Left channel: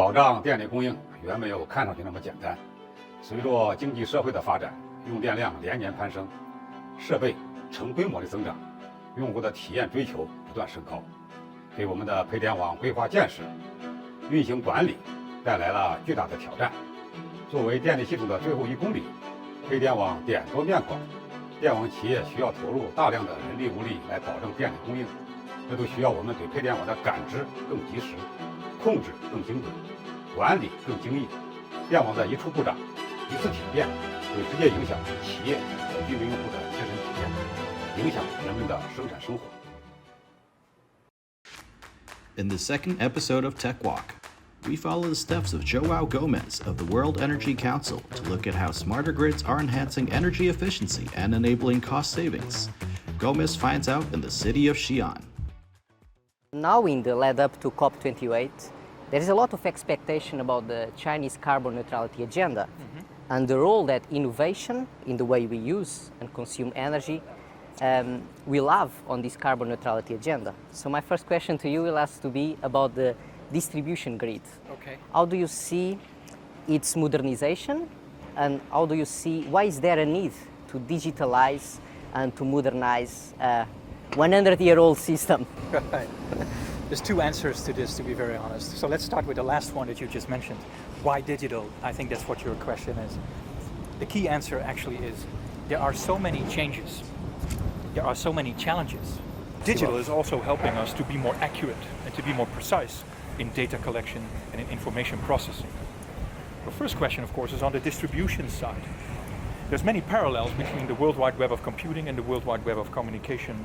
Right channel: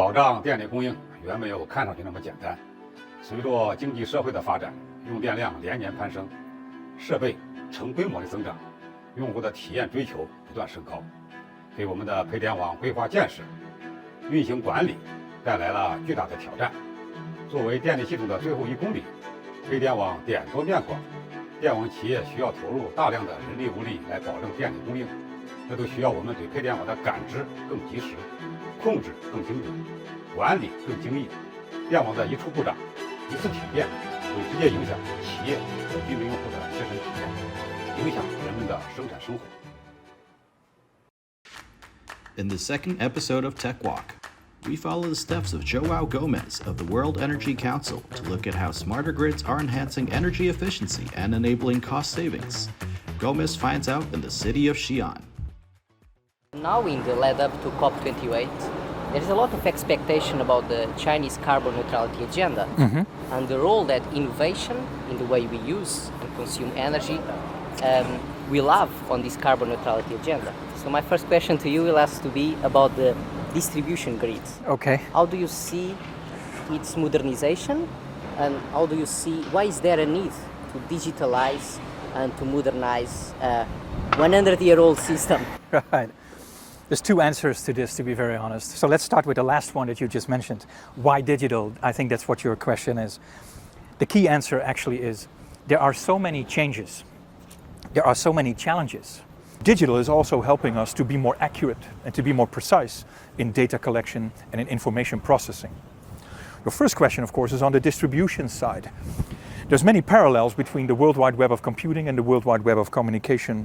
保障电力供应远没有看上去那么简单。随着经济社会的发展，用电量连年攀升，设备成规模的增长，用户的体验追求不断升高，给我们的配电网规划建设、运行管理带来了巨大的挑战。作为电力系统的最后1公里，配电网点多面广，电网企业需要投入大量的人力物力来保证电力供应，这都需要我们对配电网的感知更及时，控制更精准，管理更精益。电网的一处故障、一次停电，会直接影响企业和居民用户的切身体验，影响人们的生产生活。In the second episode of Tech Walk, we follow the steps of João Gomes of the World Energy Council to look at how smarter grids are enhancing energy efficiency and enabling cost savings. Gomes finds out in the city of Xi'an. Now in the lead up to COP28, there is a lot of expectation about the Chinese carbon neutrality agenda and the role that innovation in the way we use and consume energy will have on this carbon neutrality agenda. So my first question to you will have to be about the distribution grid. Okay. How do you see its modernization, and how do you see, why is there a need to digitalize and to modernize a 100-year-old system? Right. There's two answers to this, to be very honest. So let's start with the last one that you just mentioned. Why digital? I think that's what your question is. The key answer actually is there are so many changes. There are so many challenges. Digital is also helping us to be more accurate and to be more precise in data collection and in information processing. The first question, of course, is on the distribution side. There's many parallels between the World Wide Web of computing and the World Wide Web of communication.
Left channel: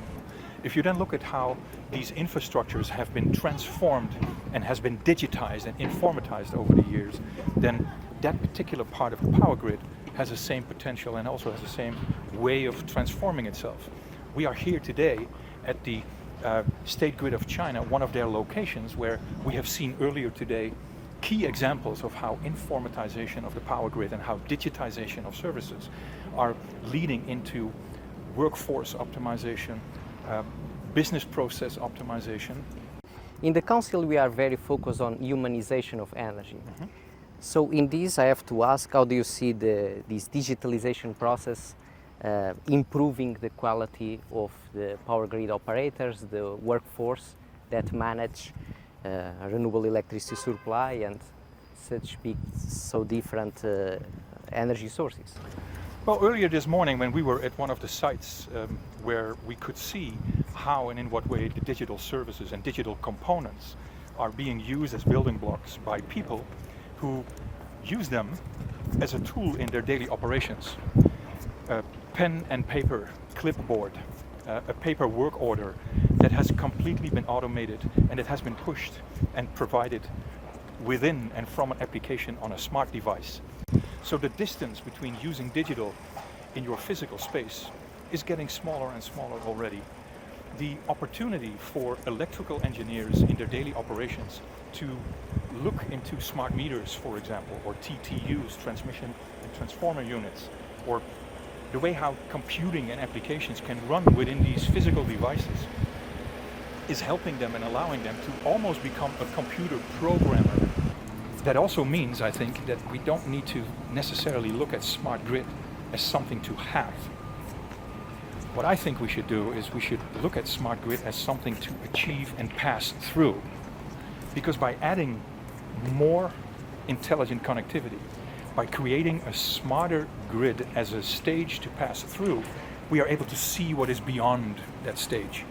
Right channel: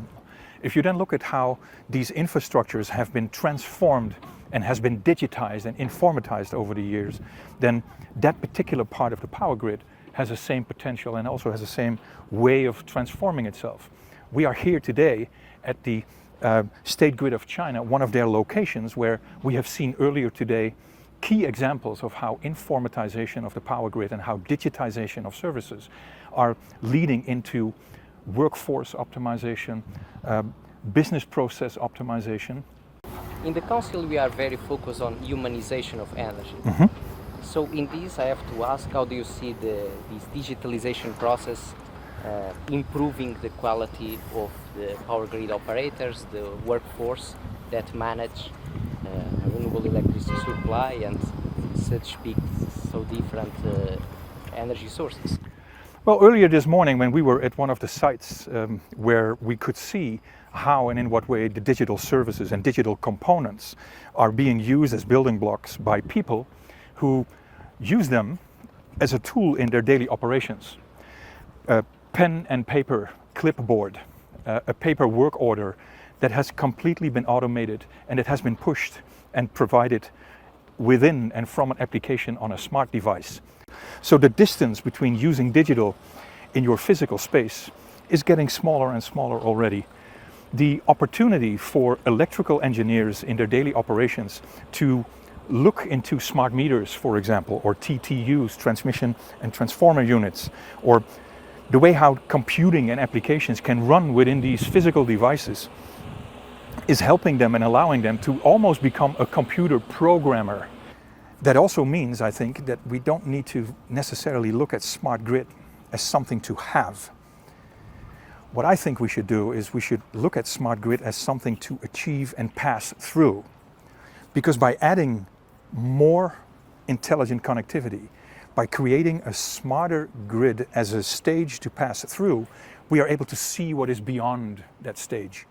If you then look at how these infrastructures have been transformed and has been digitized and informatized over the years, then that particular part of the power grid has the same potential and also has the same way of transforming itself. We are here today at the State Grid of China, one of their locations where we have seen earlier today key examples of how informatization of the power grid and how digitization of services are leading into workforce optimization, business process optimization. In the council, we are very focused on humanization of energy. So in this, I have to ask, how do you see this digitalization process improving the quality of the power grid operators, the workforce that manage renewable electricity supply and such big, so different energy sources? Well, earlier this morning when we were at one of the sites where we could see how and in what way the digital services and digital components are being used as building blocks by people who use them as a tool in their daily operations. Pen and paper clipboard, a paper work order that has completely been automated and it has been pushed and provided within and from an application on a smart device. So the distance between using digital in your physical space is getting smaller and smaller already. The opportunity for electrical engineers in their daily operations to look into smart meters, for example, or TTUs, transmission and transformer units, or the way how computing and applications can run within these physical devices is helping them and allowing them to almost become a computer programmer. That also means, I think, that we don't need to necessarily look at smart grid as something to have. What I think we should do is we should look at smart grid as something to achieve and pass through. Because by adding more intelligent connectivity, by creating a smarter grid as a stage to pass through, we are able to see what is beyond that stage.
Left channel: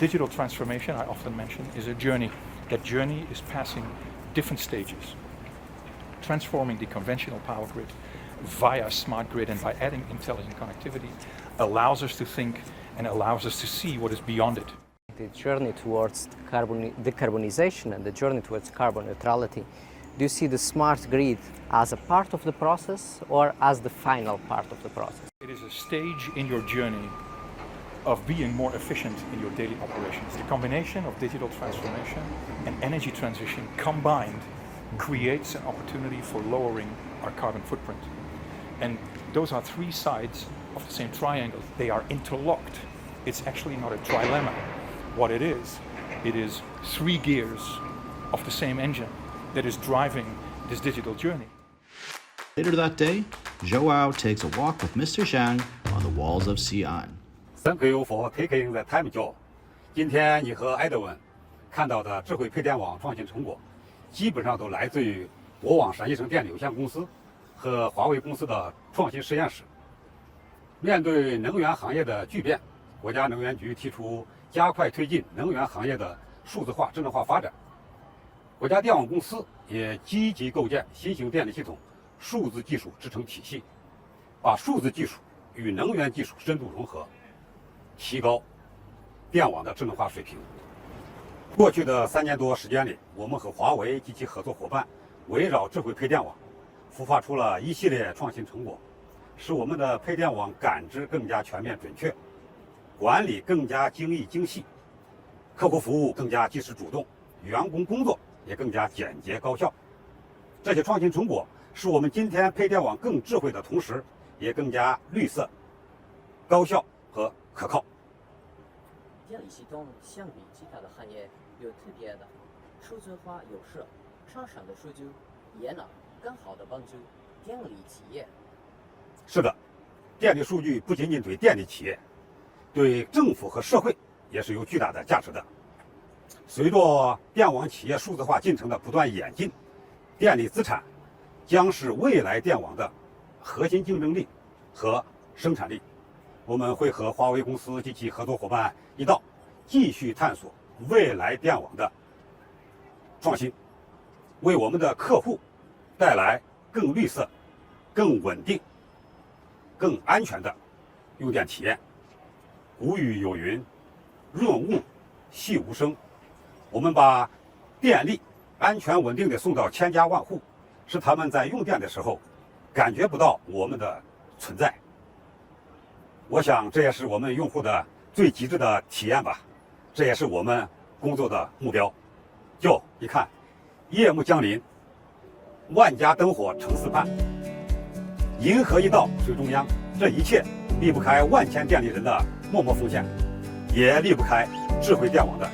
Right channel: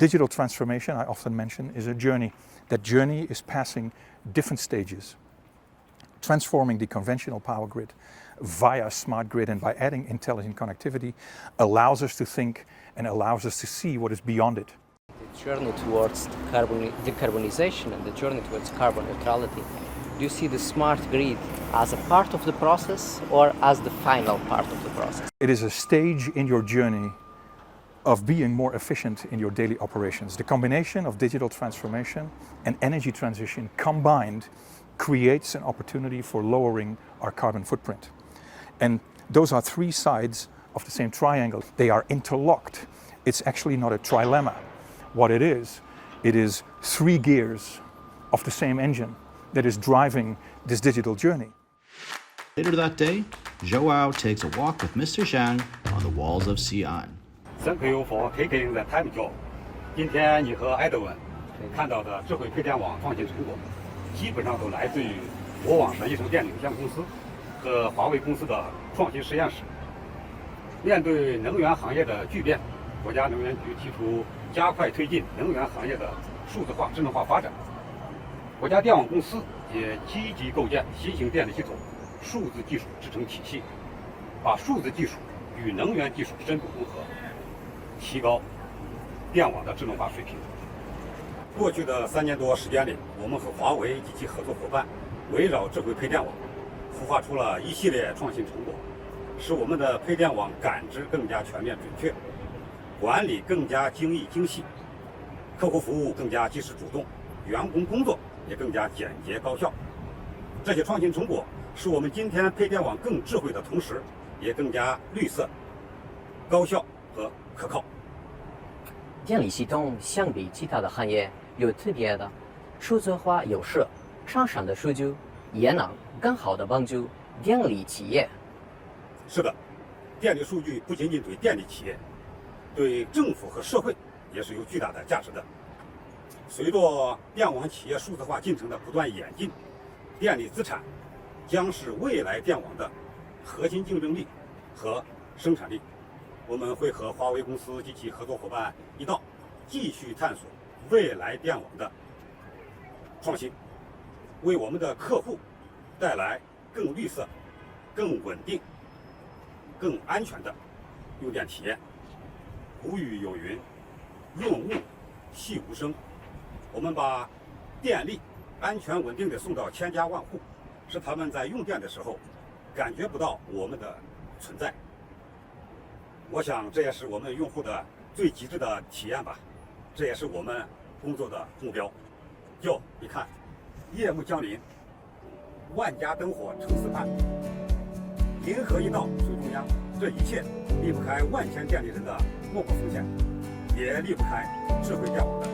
Digital transformation, I often mention, is a journey. That journey is passing different stages, transforming the conventional power grid via smart grid, and by adding intelligent connectivity allows us to think and allows us to see what is beyond it. The journey towards decarbonization and the journey towards carbon neutrality, do you see the smart grid as a part of the process or as the final part of the process? It is a stage in your journey of being more efficient in your daily operations. The combination of digital transformation and energy transition combined creates an opportunity for lowering our carbon footprint. And those are three sides of the same triangle. They are interlocked. It's actually not a trilemma. What it is three gears of the same engine that is driving this digital journey. Later that day, Joao takes a walk with Mr. Zhang on the walls of Xi'an. Thank you for taking the time, Joe. 今天你和埃德文看到的智慧配电网创新成果，基本上都来自于我网陕西省电力有限公司和华为公司的创新实验室。面对能源行业的巨变，国家能源局提出加快推进能源行业的数字化、智能化发展。国家电网公司也积极构建新型电力系统数字技术支撑体系，把数字技术与能源技术深度融合，提高电网的智能化水平。过去的3年多时间里，我们和华为及其合作伙伴围绕智慧配电网，孵化出了一系列创新成果，使我们的配电网感知更加全面准确，管理更加精益精细，客户服务更加及时主动，员工工作也更加简洁高效。这些创新成果使我们今天配电网更智慧的同时，也更加绿色、高效和可靠。电力系统相比其他的行业有特别的数字化优势，上传的数据也能更好地帮助电力企业。是的，电力数据不仅仅对电力企业，对政府和社会也是有巨大的价值的。随着电网企业数字化进程的不断演进，电力资产将是未来电网的核心竞争力和生产力。我们会和华为公司及其合作伙伴一道，继续探索未来电网的创新，为我们的客户带来更绿色、更稳定、更安全的用电体验。古语有云：“润物细无声。”我们把电力安全稳定地送到千家万户，使他们在用电的时候感觉不到我们的存在。我想这也是我们用户的最极致的体验吧，这也是我们工作的目标。就你看，夜幕降临，万家灯火成四畔，银河一道水中央，这一切离不开万千电力人的默默奉献，也离不开智慧电网的